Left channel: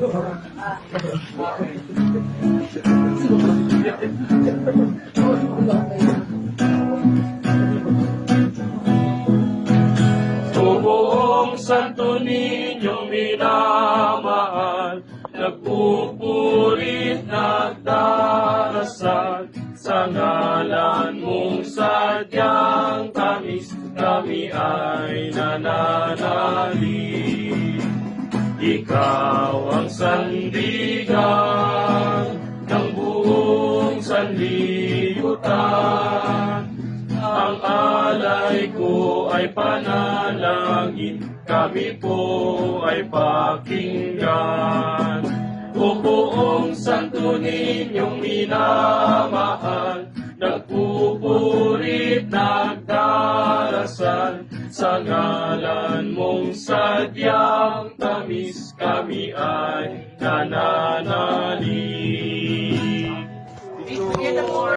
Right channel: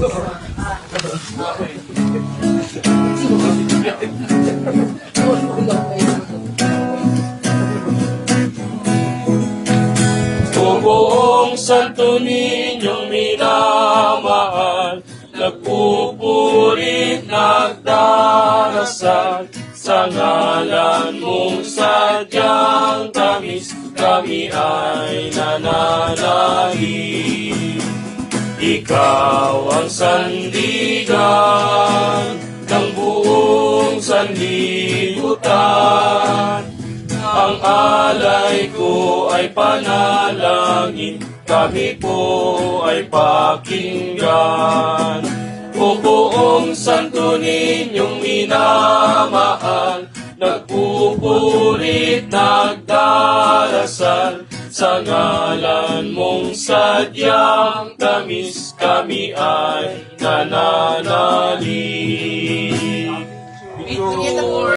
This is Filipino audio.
Buong santo ninyong minamahal, nagpupurit, nagdarasal, sa ngalan mong sadyang tamis, kami ay nananalig. Ikaw ang sandigan ng buong sanlibutan. Ang alay ko ay panalangin, kami po ay pakinggan. O buong santo ninyong minamahal, nagpupurit, nagdarasal, sa ngalan mong sadyang tamis kami ay nananalig.